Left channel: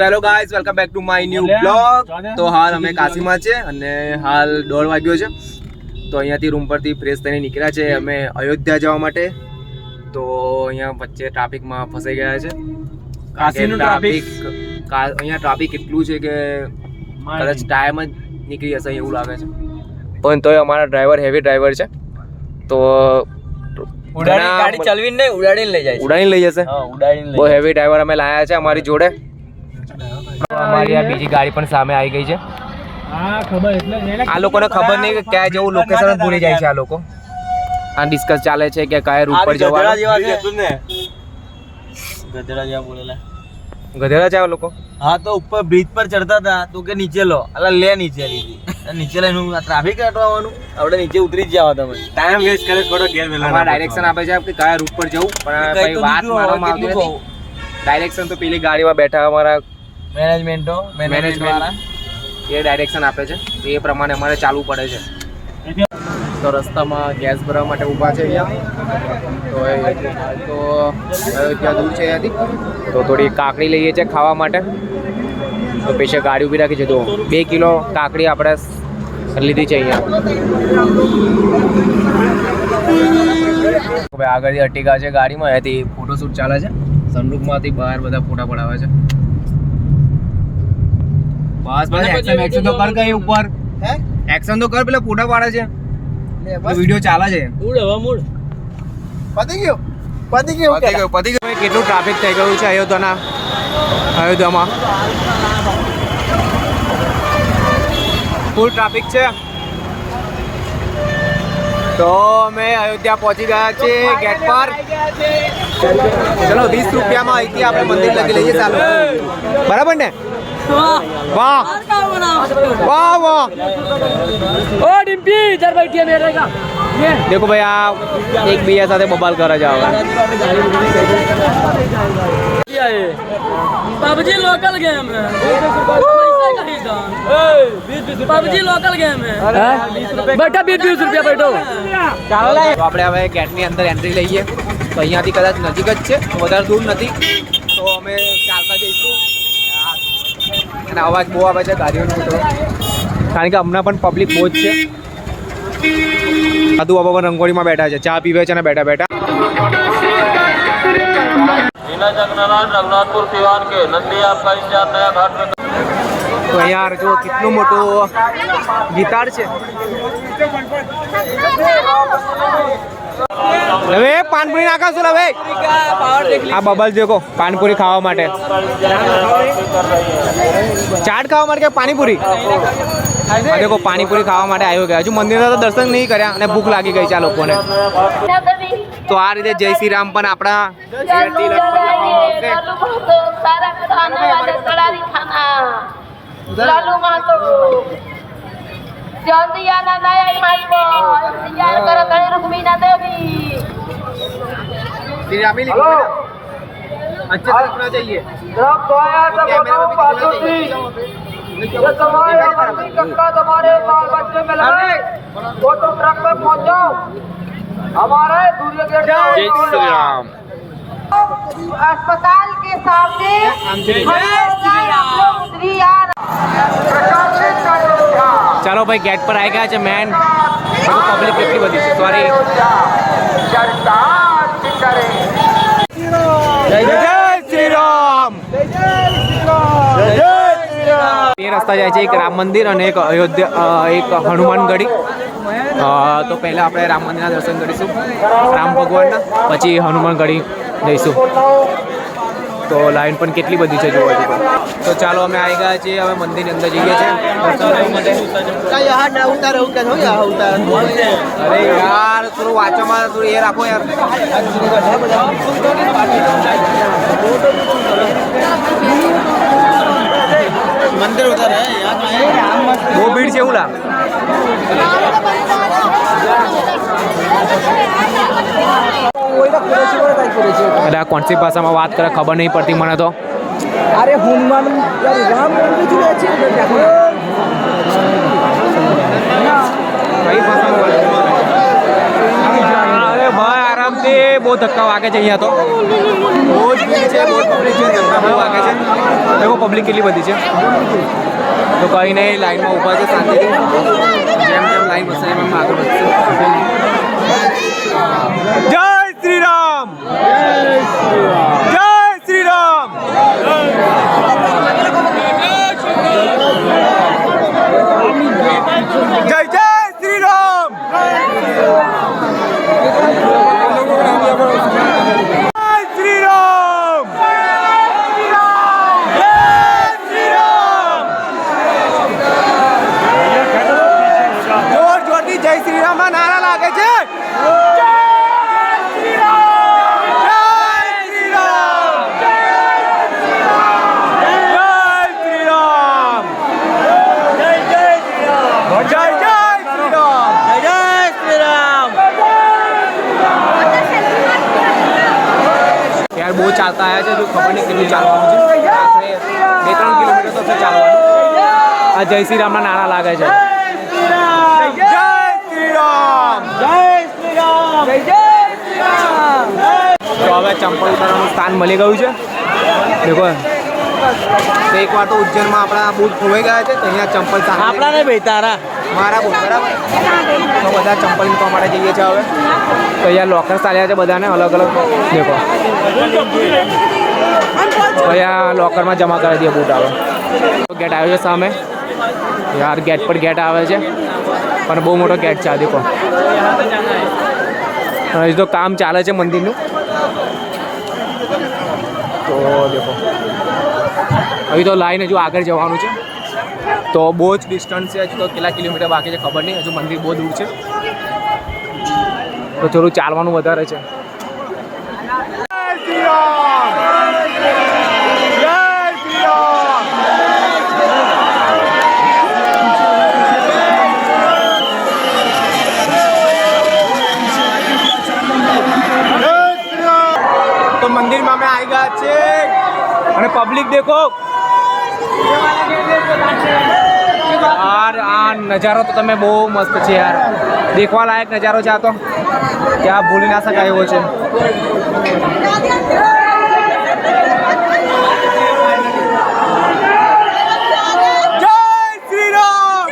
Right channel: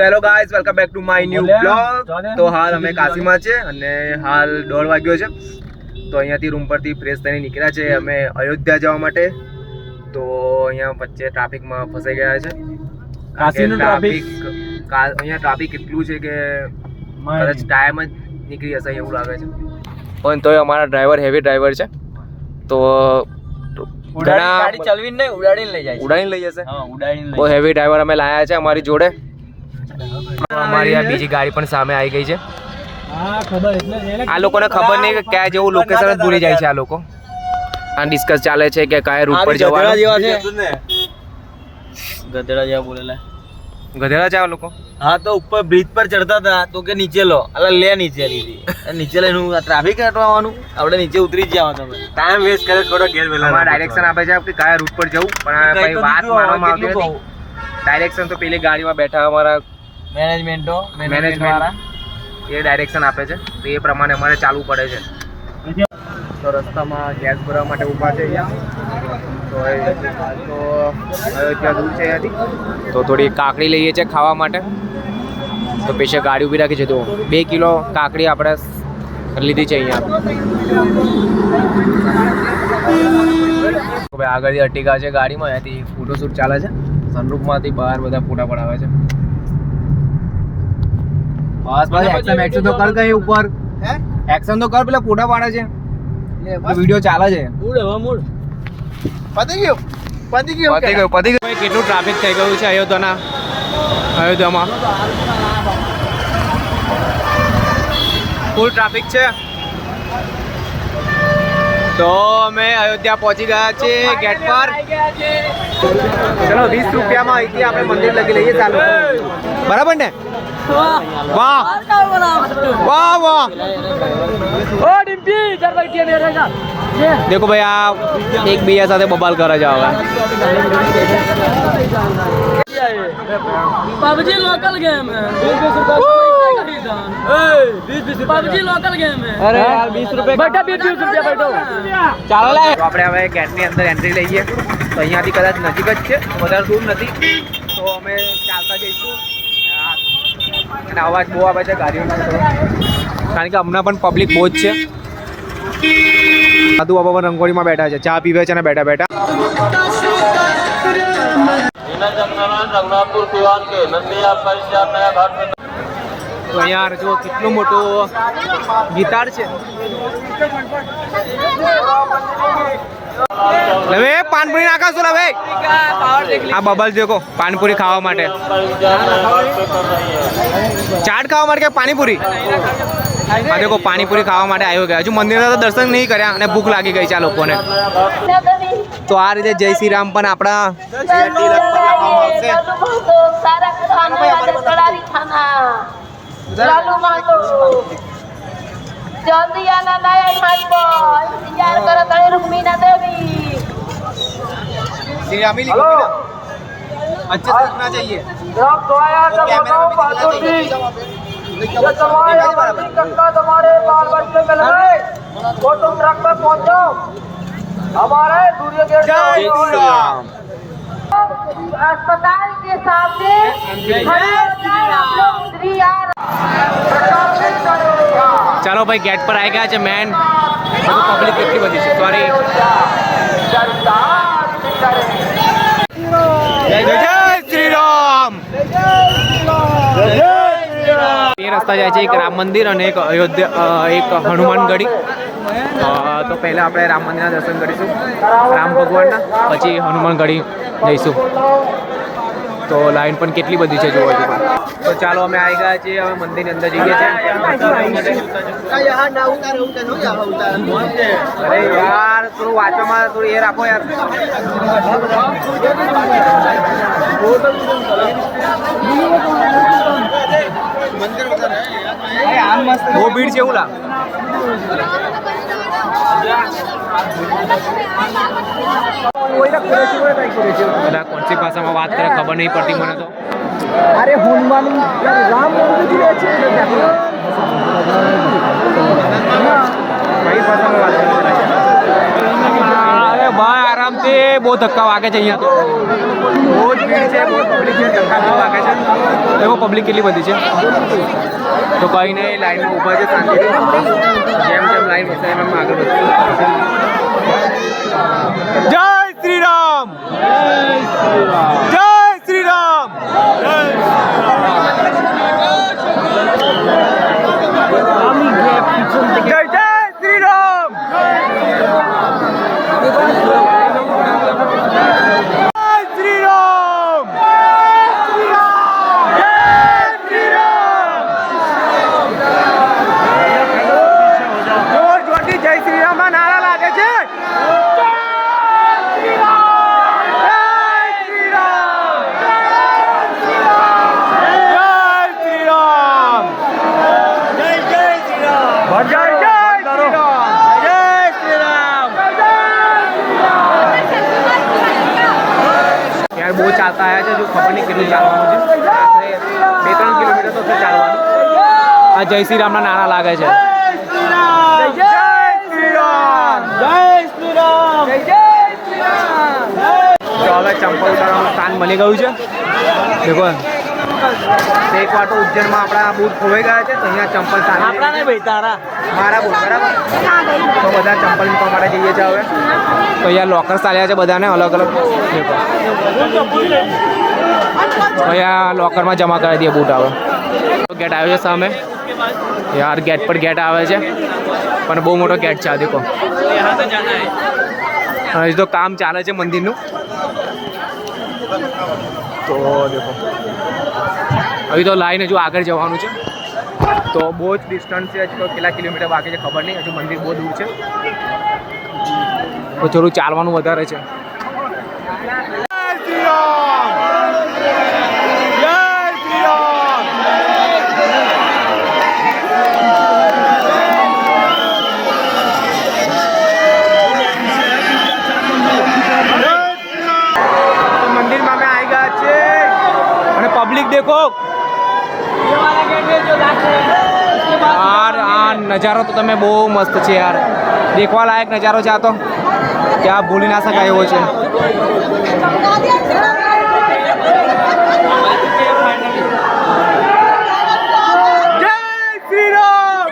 Hello guys, welcome back to my new blog. તો હાલ અમે કાશીમાં છે અને હાલ 1:30 વાગ્યો છે. તો અહીંયાથી રૂમ પરથી ફ્રેશ થઈને નીકળ્યા છે અમે અયોધ્યા જવા માટે. તો અહીંયા વચ્ચે ટ્રાફિકમાં ફસાઈ ગયા છે. કાશીનું ટ્રાફિક અહીંયા ટ્રાફિક એટલું છે કે કદાચ ટાઈમ જ નીકળી જશે એવું લાગે છે. પણ તોય અમારા ડ્રાઈવર હેવી ડ્રાઈવર છે, તો ગાડી ચલવી નહીં, ઉડાડીને લઈ જાય. ઉડાડીને લઈ જશે. હા, ઉડાડીને બહુ હેવી ડ્રાઈવર અમે લાયા છે અમારી જોડે. અમારી આ બીજી ગાડી પણ સામે આવી ગઈ છે. આ લોકોને ખબર નહીં કે ક્યાં જેવું લોકેશન જ ભૂલી જાય છે આ લોકો. આ ડિસ્કસ ચાલે છે કે કયા રૂટ પર જવાનું. ગધેડા જેવા બોલેલા. ગધેડા છે આ લોકો. હા, તો ઉપર બ્રિજ પર ચડતા હતા તો કે નીચે લો, અલા લે નીચે લીધી. નીચે લઈને ટ્રાફિક હટવાનું, આપણે નીચે ઉતરી જ જાવ. તમે ટાઈમ વેસ્ટ કરે થોડો ઘેર વેલા. અમારા ડાયરેક્શન આપે છે કે કયા રૂટ પર જવું, પણ ભાઈ વાત માનવામાં આવતી નથી. ડાયરેક્શન તો પેલી ગાડીમાં બેઠા અમારા મેનેજમેન્ટ એ ડાયરેક્શન આપે છે, તો એ પ્રમાણે અમારે ચાલવું પડે છે. તો રસ્તામાં ગેસ ભરવા માટે ઊભા છે અહીંયા. તો હાલ તો અયોધ્યા દૂર છે અહીંયાથી, તો થોડી કાકડી લઈએ છીએ ખાવા માટે. તો પેશે ગાડી ઊભી રાખી છે. તો 2 કિલો કાકડી આપણે લીધી છે અહીંયા. આગળથી અટીકા છે ગાડીમાં, અહીંયાથી ફોટોશૂટ ચાલે છે. સનરૂફમાંથી બહાર બધા ફોટા પડાવે છે. બસ બસ એક્શન એક્શન તો કર કઈ ઉપર. હે એક્શન તો કર, પેલા ફોટા પાડે છે, વિડિયો ચાલે છે. મૂડ હવે મૂડ પતી ગયું. કેટલું ટ્રાફિક થઈ ગયું છે અયોધ્યામાં. ફૂલ ટ્રાફિક છે. તો અમે અયોધ્યા પહોંચી ગયા છીએ ગેટ પર. ચલો 20 રૂપિયામાં અહીંથી આપણે મંદિર લગી લઈએ ચાલો. બરાબર ને? વાહ વાહ વાહ. देखो भाई आप एक भैया साथ बबाल करा जाओगा. पबजी लोकल गेम है. पबजी लोकल गेम है. बैठा 20 रुपया बैठो. તો આપણે હવે ગેટની અંદર એન્ટ્રી લઈએ. તો અહીંયાથી કદાચ નજીક જ છે, વધારે દૂર નથી. તો અમે ચાલતા જઈશું. અને અવાજ બહુ આવે છે ગાડીઓનો, કારણ કે હમણાં પણ પબ્લિક બહુ જ છે. સાધુ બાબા પણ રંગોળીમાં બેઠા છે, ચા પીવે છે ને બેઠા બેઠા. તો અહીંયા જો કેટલું મોટું ગીતાર છે. હવે પાનપુરી નાખા છું હવે. આ બબલ દેખો પાનપુરી ખાવા માટે, ચાટ ખાવા માટે કે પાણીપુરી. આ દેખો પાણીપુરી ખાવા માટે આવ્યો ગયા. હજુ મંદિરના તો દર્શન નહીં કર્યા અને ભૂખ લાગી ગઈ છે આ લોકોને. તો આ રીતે જય શ્રી રામ પણ આપણા श्री रामी लिखो बेटा, अच्छे से लिखना चाहिए. अस्पताल के सामने चलो भाई गेट पर आ गया છે મેન. પબ્લિક કેટલી બધી છે. સોરી. જય શ્રી રામ. એ રસ્તા જાય છે એક રામ મંદિર અને એક અયોધ્યા, એક હનુમાનગઢી. તો પહેલા આપણે રામ મંદિરના દર્શન કરીશું, રામ ભગવાનના, પછી હનુમાનગઢી જઈશું. તો લાઈન પણ કેટલી બધી છે જોવા જેવું. તો ચાલો અમે આવી ગયા છીએ હવે મંદિરની અંદર જઈએ છીએ. અરે યાર થોડું વાંચવામાં થોડું એ રાખો યાર. મંદિર ઉધર હે, બહુ ભીડ છે એવું લા. બધા કોણસી ભાષામાં વાત કરે ખબર નહીં પડતી મને તો. અરે હનુમાન રામ મંદિર છે. કઈ ભાષામાં વાત કરે? અરે ભાઈ આરામથી બહુ ધક્કા વાગે છે અહીંયા તો બહુ જ ભીડ છે, બહુ પબ્લિક છે, ધક્કા બહુ વાગે છે. દેખો પબ્લિક કેટલી બધી છે. તો કંઈ નહીં, લાઈનમાં ઊભા છે શાંતિથી. જેમ જેમ લાઈન વધશે એમ એમ આગળ વધશે. જય શ્રી રામ, જય શ્રી રામ. જય જય શ્રી રામ. જય શ્રી રામ. જોર જોરથી જય શ્રી રામ ના નારા લાગે છે. બહુ ચાલતા આવ્યા છે, જો ખબર નહીં કેટલું ચાલવાનું છે. 2-3 કિલોમીટર તો ચાલવાનું. આ જય શ્રી રામના નારા લાગે છે. જય શ્રી રામ, જય શ્રી રામ. તો હવે ચંપલ ઉતારવાનું સ્થાન મળી ગયું છે. દેખો એક વાર તો ઉજ્જૈનમાં આપણા બૂટ ખોવાઈ ગયા છે, તો અહીંયા ચંપલ મારા બૂટ બરાબર. તો બધા ચંપલ મૂકવા માટે જઈએ છીએ હવે. તો અહીંયા લોકર્સ ચાલ્યા છે બધાને અલગ અલગ. દેખો તો અહીંયા લોકરમાં જમા કરી દઈએ બૂટ. આવે ગેટ આવ્યો છે સામે યાર, ગેટ પર ગેટ આવે છે પણ બહુ મોટો ગેટ છે. આ દેખો હજી તો કામ ચાલે છે મંદિરનું. તો દેખો હજી તો લાઈન હજુ આગળ જવાનું છે. તો બહુ જ ડિસ્ટન્સ છે, હજુ તો કેટલા કિલોમીટર બાકી છે ખબર નહીં. હજુ મંદિર બહુ દૂર છે, તો થોડું ચાલવાનું વધારે છે. જય શ્રી રામ, જય શ્રી રામ. તો મંદિરમાં અમે આવી ગયા છે અને પબ્લિક દેખો યાર. આ નજારો તો તમે બહુ મસ્ત છે યાર, દેખવા લાયક નજારો છે આ તો. ત્યાં ભૂલી ના શકાય એવો છે. જય શ્રી રામ,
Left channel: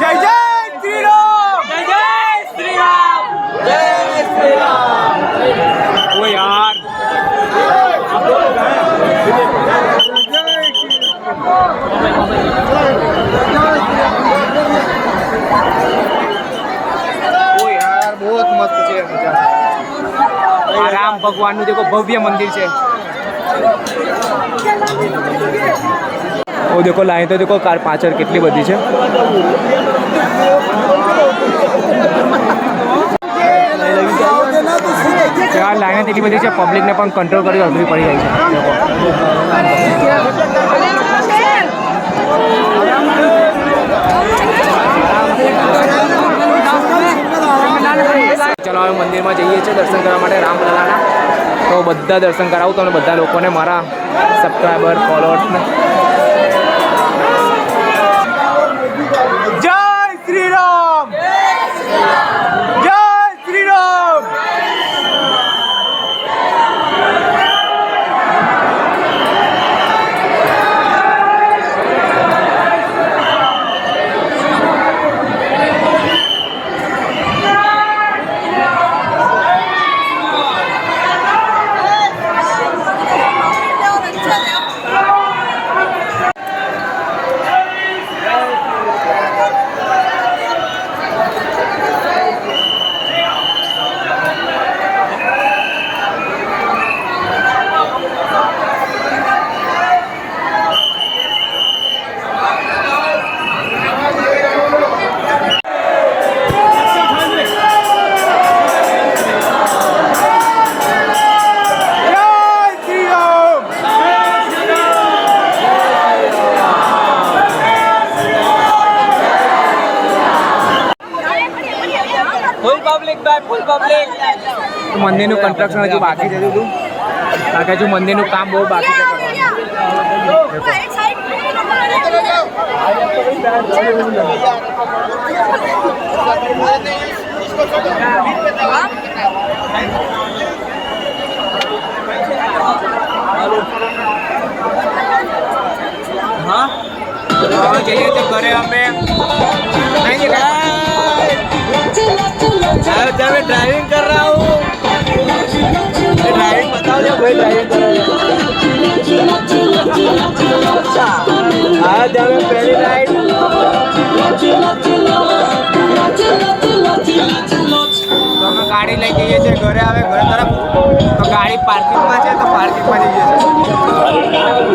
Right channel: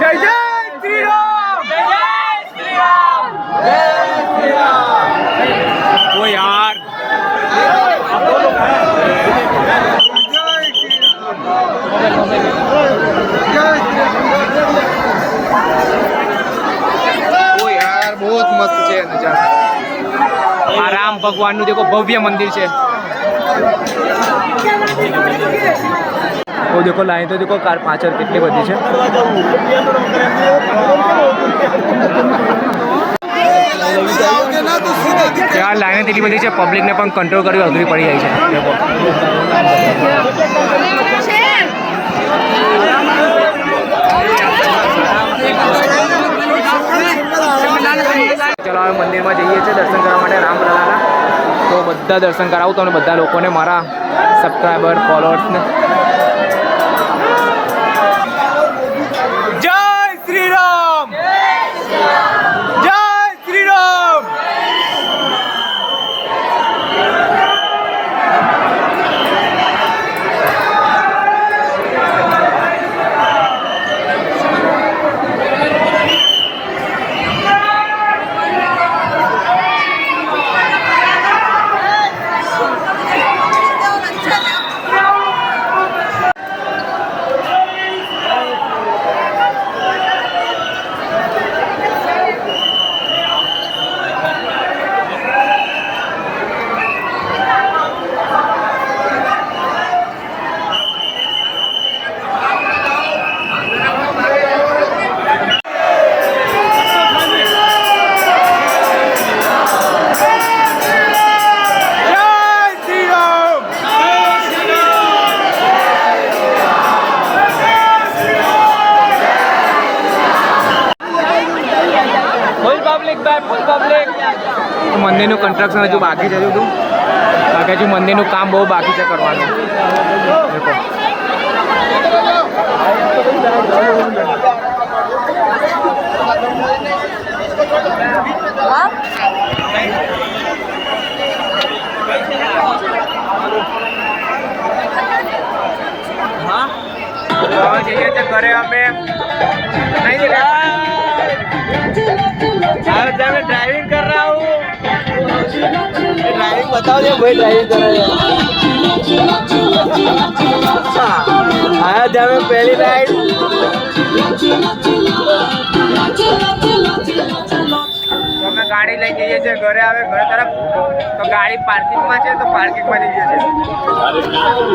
જય જય શ્રી રામ, જય શ્રી રામ, જય શ્રી રામ. ઓ યાર બહુ જ મસ્ત છે નજારો. આ રામ ભગવાનનું દેખો ભવ્ય મંદિર છે. ઓ દેખો લાઈન તો દેખો કાર પાછળ કેટલી બધી છે. ત્યાં લાઈન એટલી બધી છે, પબ્લિકને પણ કંટ્રોલ કરી અઘરી પડી જાય છે. દેખો ચલો હવે મંદિરમાં જઈએ છીએ દર્શન કરવા માટે રામલલાના. તો બધા દર્શન કરાવું તમને બધા લોકોને, મારા સબસ્ક્રાઈબર ફોલોઅર્સને. જય શ્રી રામ, જય શ્રી રામ. તો મંદિરનું કન્સ્ટ્રક્શન હજુ બાકી છે. હજુ બાકી હજુ મંદિરનું કામ બહુ બાકી છે કરવાનું. દેખો જઈએ છીએ ઘરે અમે ड्राइविंग कर रहा हूँ ड्राइविंग बताओ जो भाई ड्राइविंग कर रहा है आया जब मैं पहली नाइट તો અમે ગાડી લઈ જઈએ છીએ ઘરે આવે ઘરે તરફ તો ગાડી પાર્કિંગમાં છે તો પાર્કિંગમાં જઈએ છીએ